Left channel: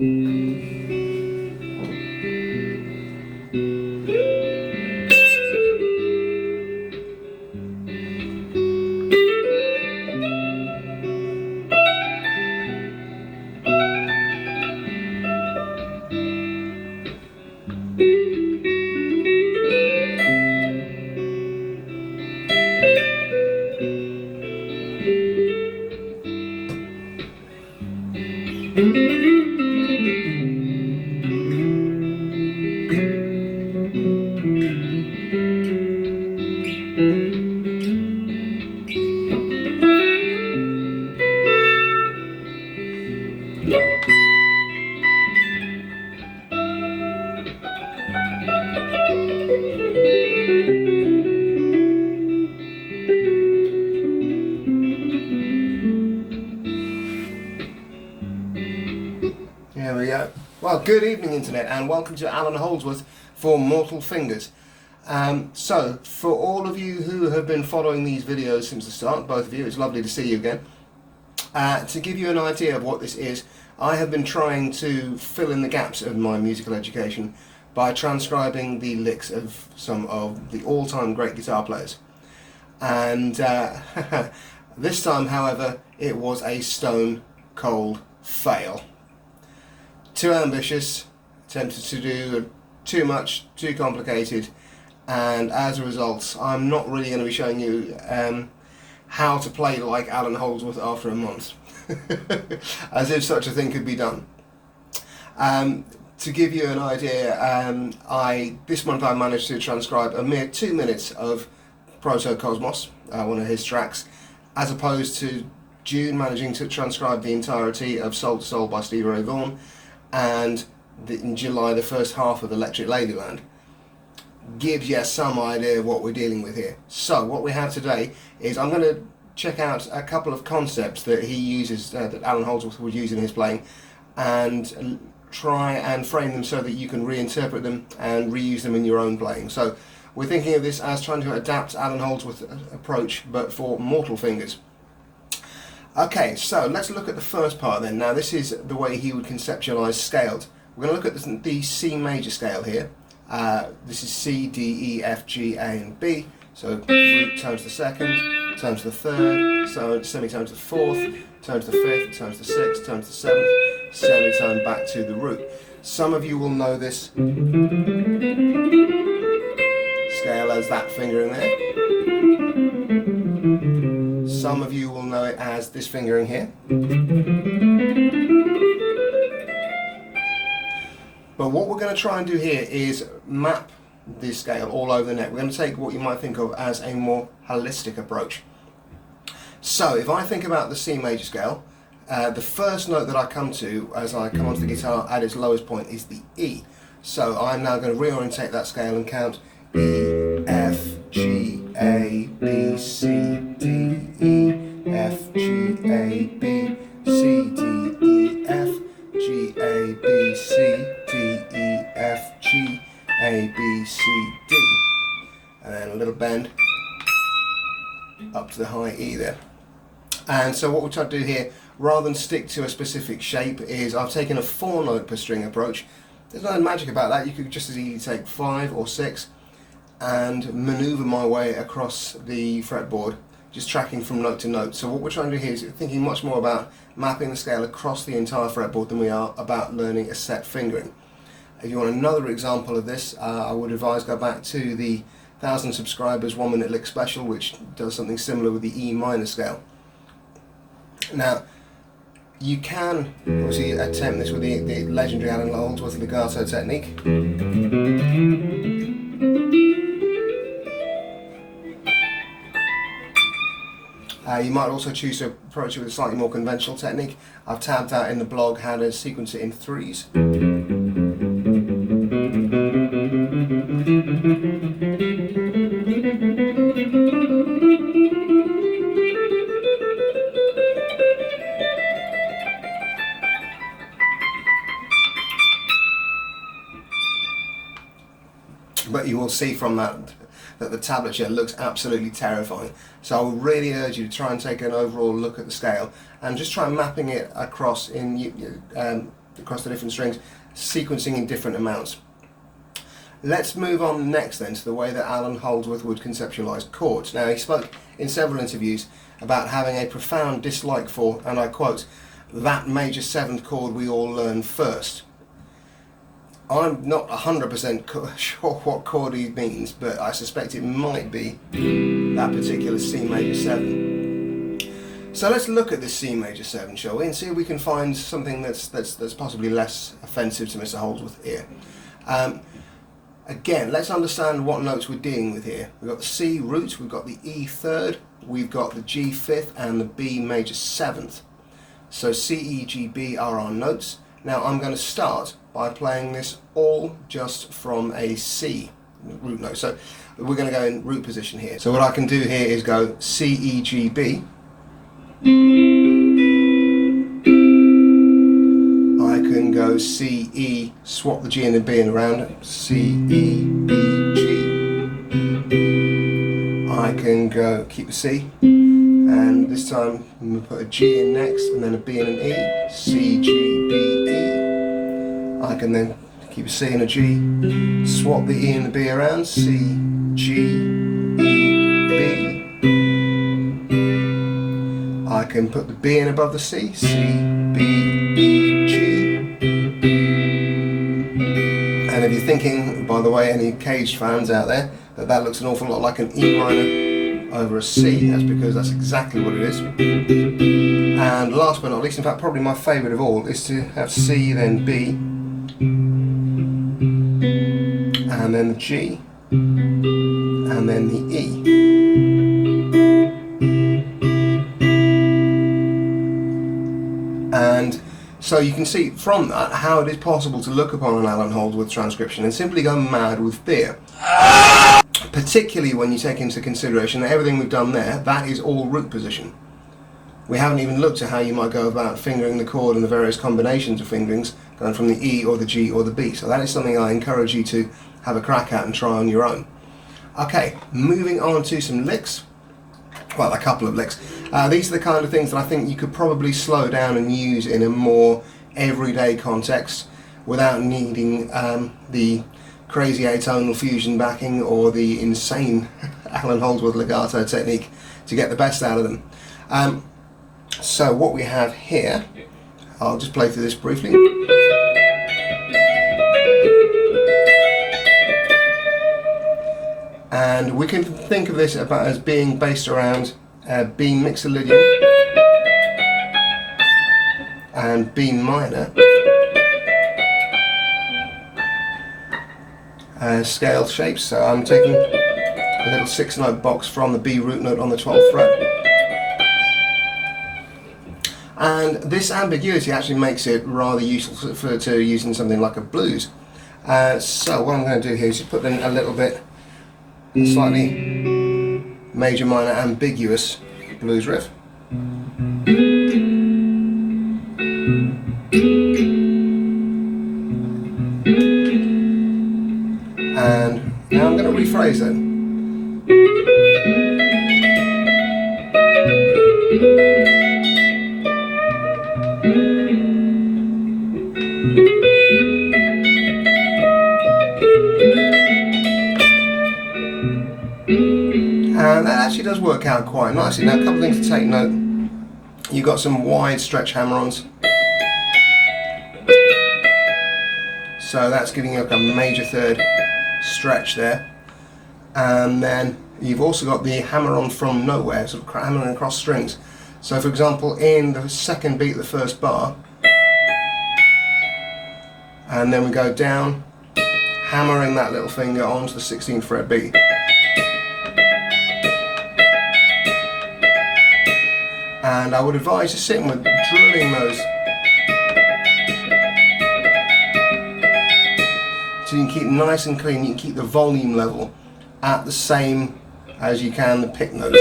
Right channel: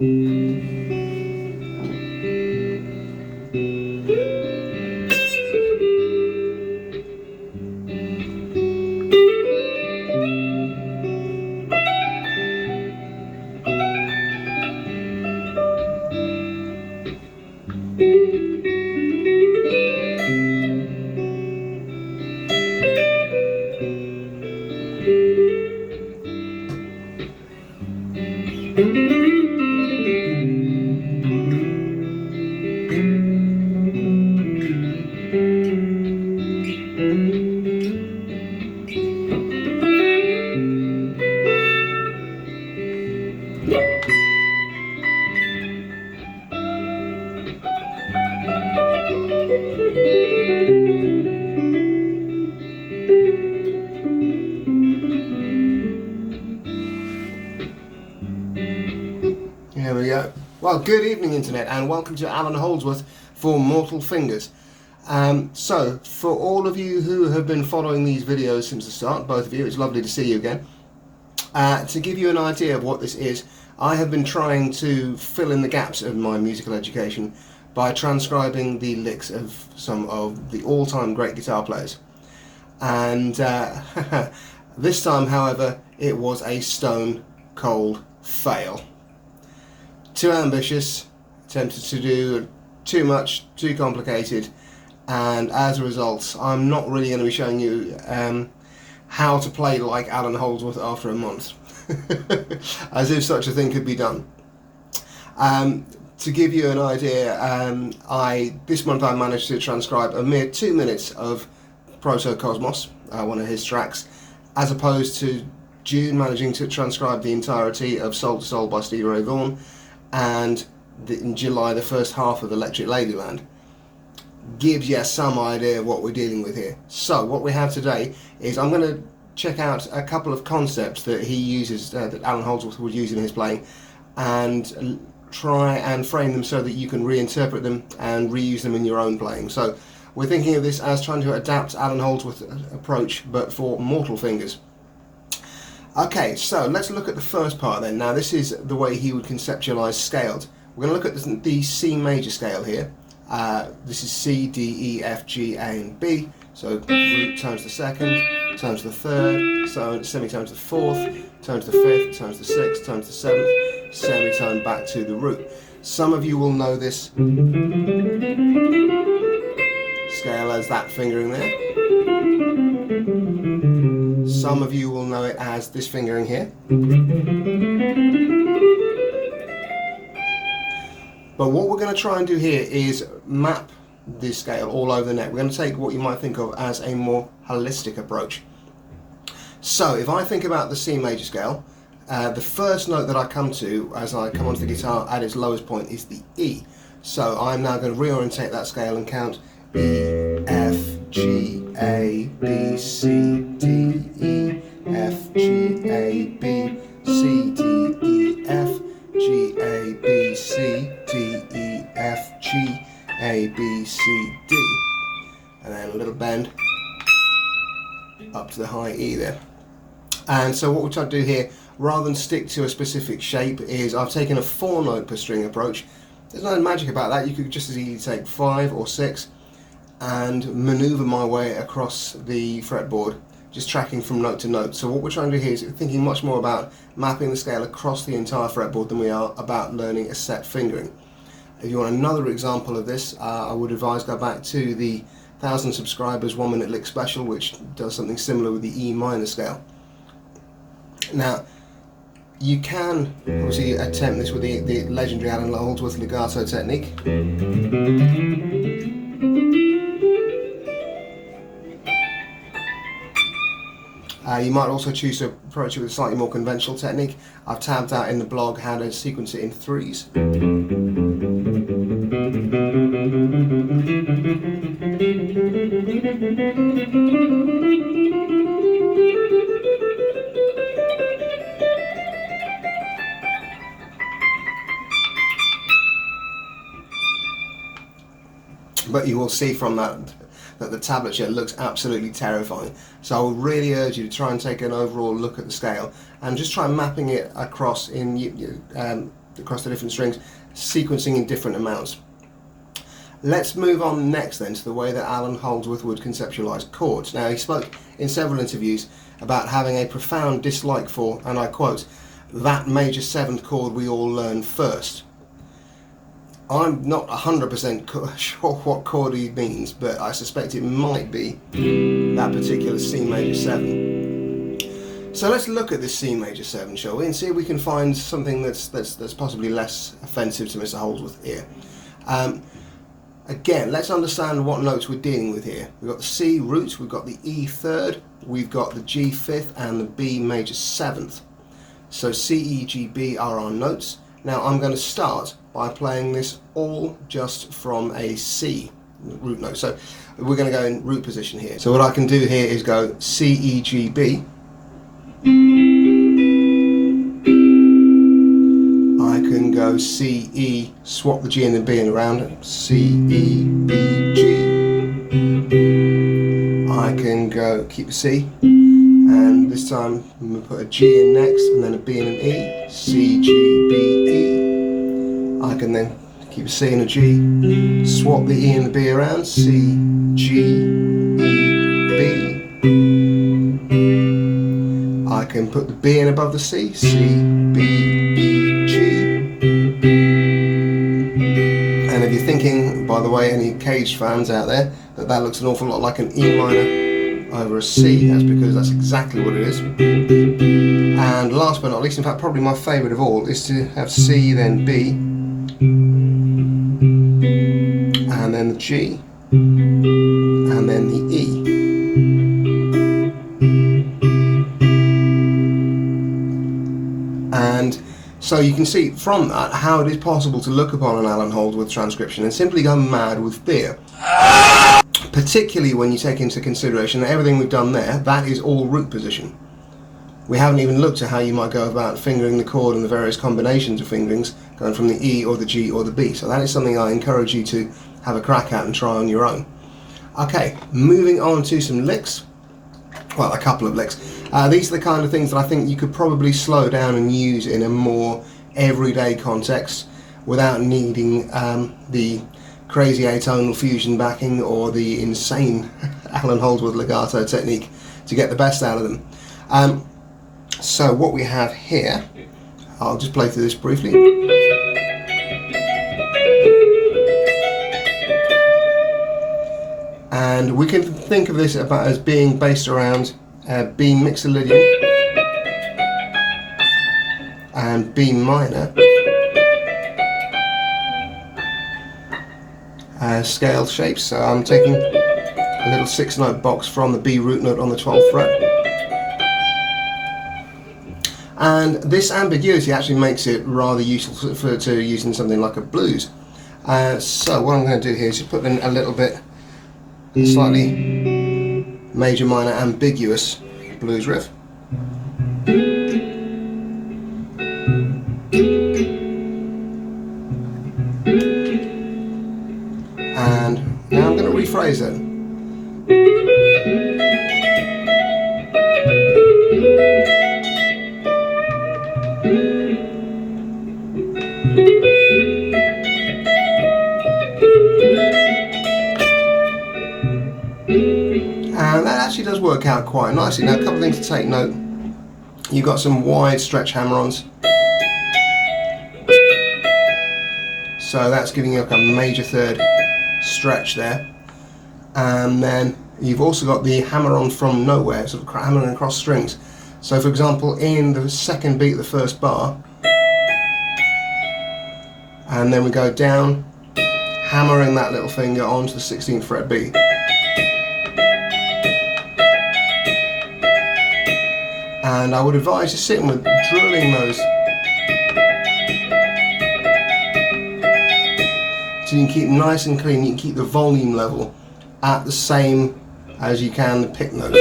There we go. Well, good evening, Internet, and welcome to Allan Holdsworth for Mortal Fingers. So, for all of you who have been following these videos since the start, both of you, it's lovely to see you again. To give you an idea of what this is, I have been trying to fill in the gaps of my musical education by transcribing the licks of some of the all-time great guitar players. And this time, however, it was a stone-cold fail. Too ambitious, attempted to do too much, too complicated, and as a result, I'm not really going to be showing you how to play like Allan Holdsworth after a month, as if such a thing could be done. To give you an idea, this month I managed to transcribe a mere 2 minutes of Proto Cosmos, one of his tracks, as opposed to June managing to transcribe the entirety of Soul to Soul by Stevie Ray Vaughan, and in July the first half of Electric Ladyland. Gives you some idea of what we're dealing with here. So what we have today is I'm going to check out a couple of concepts that he uses, that Allan Holdsworth would use in his playing, and try and frame them so that you can reinterpret them and reuse them in your own playing. So we're thinking of this as trying to adapt Allan Holdsworth's approach, but for Mortal Fingers. Okay, so let's look at the first part then. Now this is the way he would conceptualize scales. We're going to look at the C major scale here. This is C, D, E, F, G, A and B. So root times the second, times the third, so semitone to the fourth, times the fifth, times the sixth, times the seventh, semitone back to the root. Some of you will know this scale as that fingering there. Some of you will know it as this fingering here. But what we're going to try and do here is map this scale all over the net. We're going to take what you might think of as a more holistic approach. So if I think about the C major scale, the first note that I come to as I come onto the guitar at its lowest point is the E. So I'm now going to reorientate that scale and count E, F, G, A, B, C, D, E, F, G, A, B, C, D, E, F, G, A, B, C, D, E, F, G, A, B, C, D. And then a little bend up to the high E there. And so what we're trying to do here, rather than stick to a specific shape, is I've taken a 4-note per string approach. There's no magic about that. You could just as easily take 5 or 6 and maneuver my way across the fretboard, just tracking from note to note. So what we're trying to do here is thinking much more about mapping the scale across the entire fretboard than we are about learning a set fingering. If you want another example of this, I would advise go back to the 1,000 subscribers 1 minute lick special, which does something similar with the E minor scale. Now, you can obviously attempt this with the legendary Allan Holdsworth legato technique. You might also choose to approach it with a slightly more conventional technique. I've tabbed out in the blog how to sequence it in 3s. But you will see from that the tablature looks absolutely terrifying. So I would really urge you to try and take an overall look at the scale and just try mapping it across in across the different strings, sequencing in different amounts. Let's move on next then to the way that Allan Holdsworth would conceptualize chords. Now, he spoke in several interviews about having a profound dislike for, and I quote, that major seventh chord we all learn first. I'm not 100% sure what chord he means, but I suspect it might be that particular C major 7. So let's look at this C major 7, shall we, and see if we can find something that's possibly less offensive to Mr. Holdsworth here. Again, let's understand what notes we're dealing with here. We've got the C root, we've got the E third, we've got the G fifth, and the B major 7th. So C, E, G, B are our notes. Now I'm going to start by playing this all just from a C root note. So we're going to go in root position here. So what I can do here is go C, E, G, B. I can go C, E, swap the G and the B in around, C, E, B, G. I can go, keep a C, and this time I'm going to put a G in next, and then a B and an E, C, G, B, E. I can then keep a C and a G, swap the E and the B around, C, G, E, B. I can put the B in above the C, C, B, E, G. And if you're thinking, by the way, any Cage fans out there, that looks an awful lot like an E minor over a C, that's because that's exactly what it is. And last but not least, in fact probably my favourite of all, is to have C, then B, and then the G, and then the E. And so you can see from that how it is possible to look upon an Allan Holdsworth transcription and simply go mad with fear. Particularly when you take into consideration that everything we've done there, that is all root position. We haven't even looked at how you might go about fingering the chord and the various combinations of fingerings, going from the E or the G or the B. So that is something I encourage you to have a crack at and try on your own. Okay, moving on to some licks. Well, a couple of licks. These are the kind of things that I think you could probably slow down and use in a more everyday context without needing the crazy atonal fusion backing or the insane Allan Holdsworth legato technique to get the best out of them. So what we have here, I'll just play through this briefly. And we can think of this about as being based around B Mixolydian and B minor scale shapes. So I'm taking a little 6-note box from the B root note on the 12th fret. And this ambiguity actually makes it rather useful to use in something like a blues. So what I'm going to do here is just put in a little bit slightly major minor ambiguous blues riff. And now I'm going to rephrase that. And that actually does work out quite nicely. Now, a couple of things to take note. You've got some wide stretch hammer-ons. So that's giving you like a major third stretch there. And then you've also got the hammer-on from nowhere, sort of hammering across strings. So for example, in the second beat of the first bar, and then we go down, hammering that little finger onto the 16th fret B. And I would advise you sitting with drilling those so you can keep nice and clean. You can keep the volume level at the same as you can the pick notes.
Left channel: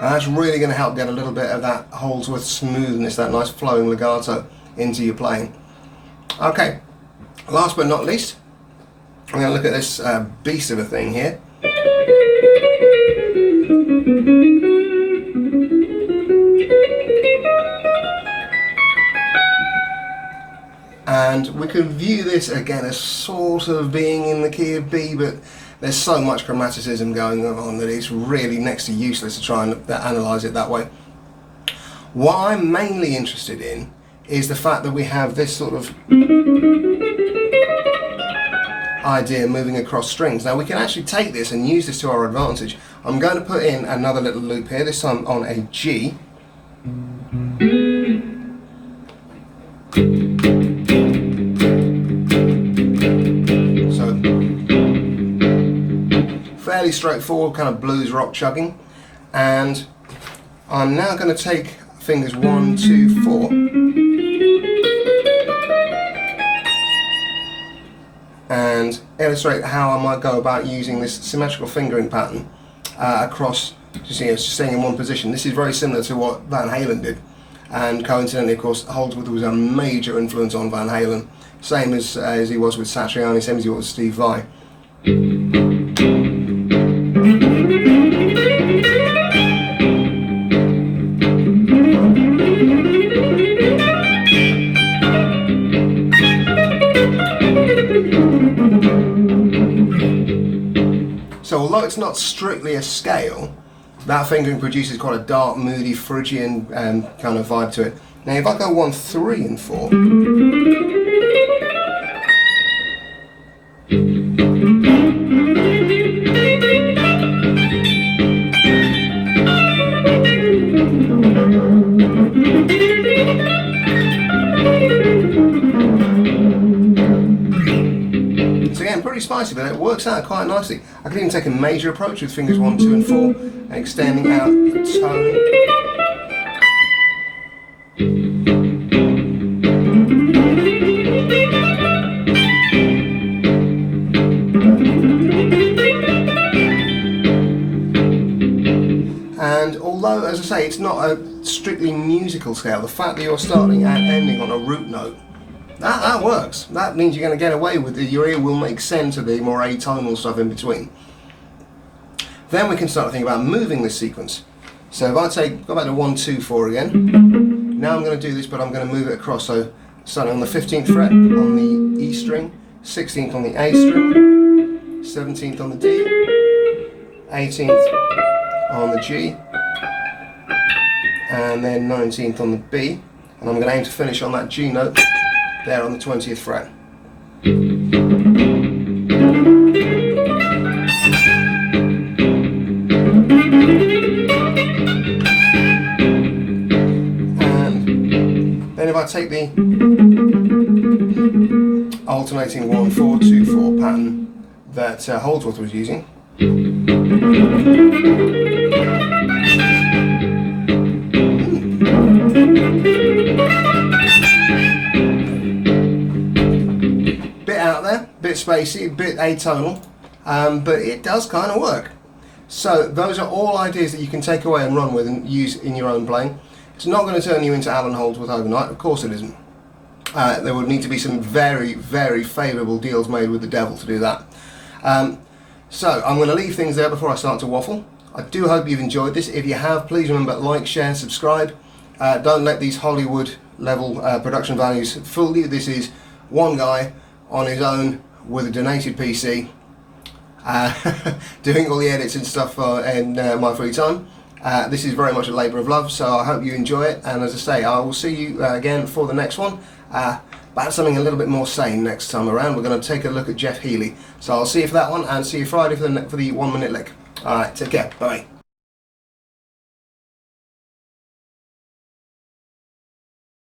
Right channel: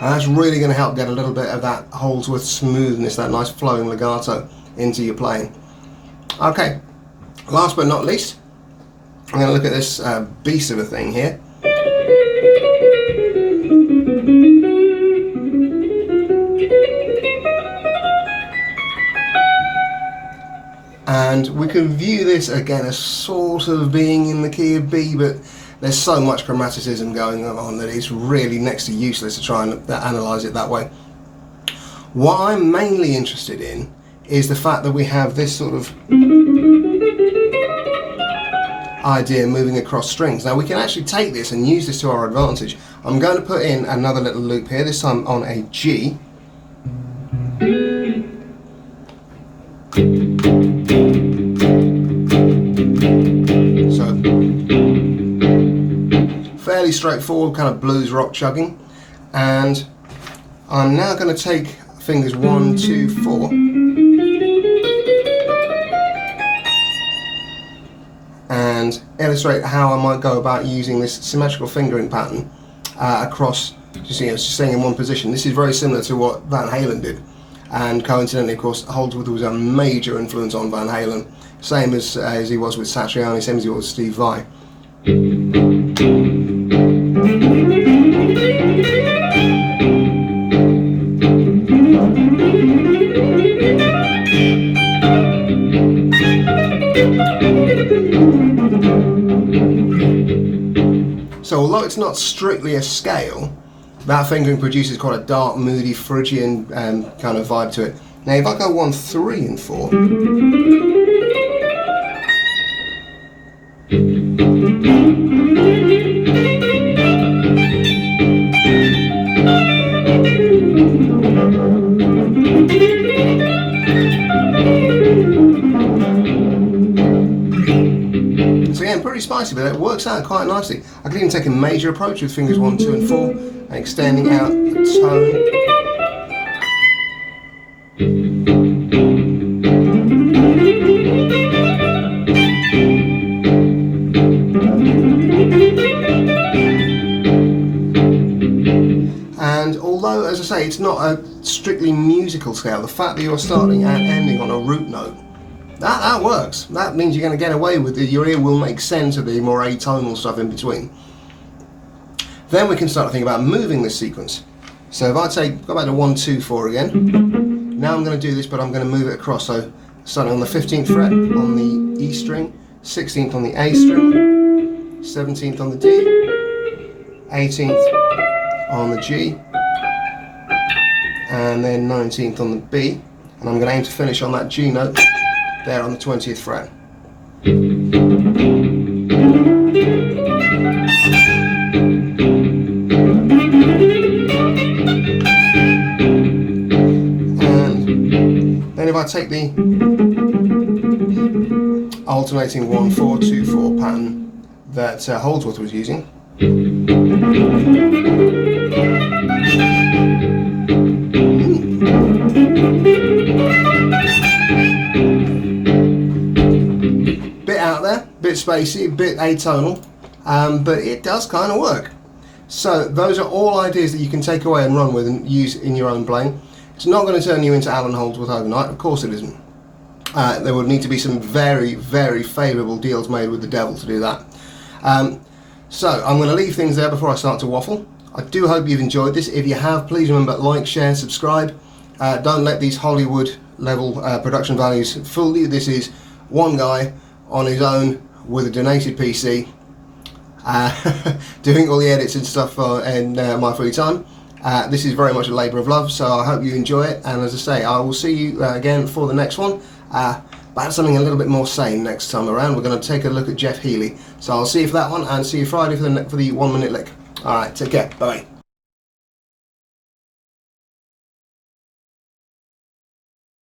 And that's really going to help get a little bit of that Holdsworth smoothness, that nice flowing legato into your playing. Okay, last but not least, I'm going to look at this beast of a thing here. and we can view this again as sort of being in the key of B, but there's so much chromaticism going on that it's really next to useless to try and analyse it that way. What I'm mainly interested in is the fact that we have this sort of idea moving across strings. Now we can actually take this and use this to our advantage. I'm going to put in another little loop here, this time on a G. So fairly straightforward kind of blues rock chugging, and I'm now going to take fingers 1, 2, 4 and illustrate how I might go about using this symmetrical fingering pattern across, just staying in one position. This is very similar to what Van Halen did, and coincidentally, of course, Holdsworth was a major influence on Van Halen, same as he was with Satriani, same as he was with Steve Vai. So although it's not strictly a scale, that fingering produces quite a dark, moody, Phrygian kind of vibe to it. Now if I go 1, 3 and 4, pretty spicy, but it works out quite nicely. I could even take a major approach with fingers 1, 2 and 4 and extending out the tone. And although, as I say, it's not a strictly musical scale, the fact that you're starting and ending on a root note, that works. That means you're going to get away with it. Your ear will make sense of the more atonal stuff in between. Then we can start to think about moving this sequence. So if I go back to 1, 2, 4 again. Now I'm going to do this, but I'm going to move it across. So starting on the 15th fret on the E string, 16th on the A string, 17th on the D, 18th on the G, and then 19th on the B. And I'm going to aim to finish on that G note there on the 20th fret. And then if I take the alternating 1, 4, 2, 4 pattern that Holdsworth was using, bit spacey, a bit atonal, but it does kind of work. So those are all ideas that you can take away and run with and use in your own playing. It's not going to turn you into Allan Holdsworth overnight, of course it isn't. There would need to be some very, very favourable deals made with the devil to do that. So I'm going to leave things there before I start to waffle. I do hope you've enjoyed this. If you have, please remember, like, share, subscribe. Don't let these Hollywood level production values fool you. This is one guy on his own with a donated PC, doing all the edits and stuff in my free time. This is very much a labour of love, so I hope you enjoy it, and as I say, I will see you again for the next one, about something a little bit more sane next time around. We're going to take a look at Jeff Healey, so I'll see you for that one, and see you Friday for the 1 minute lick. Alright, take care, bye bye.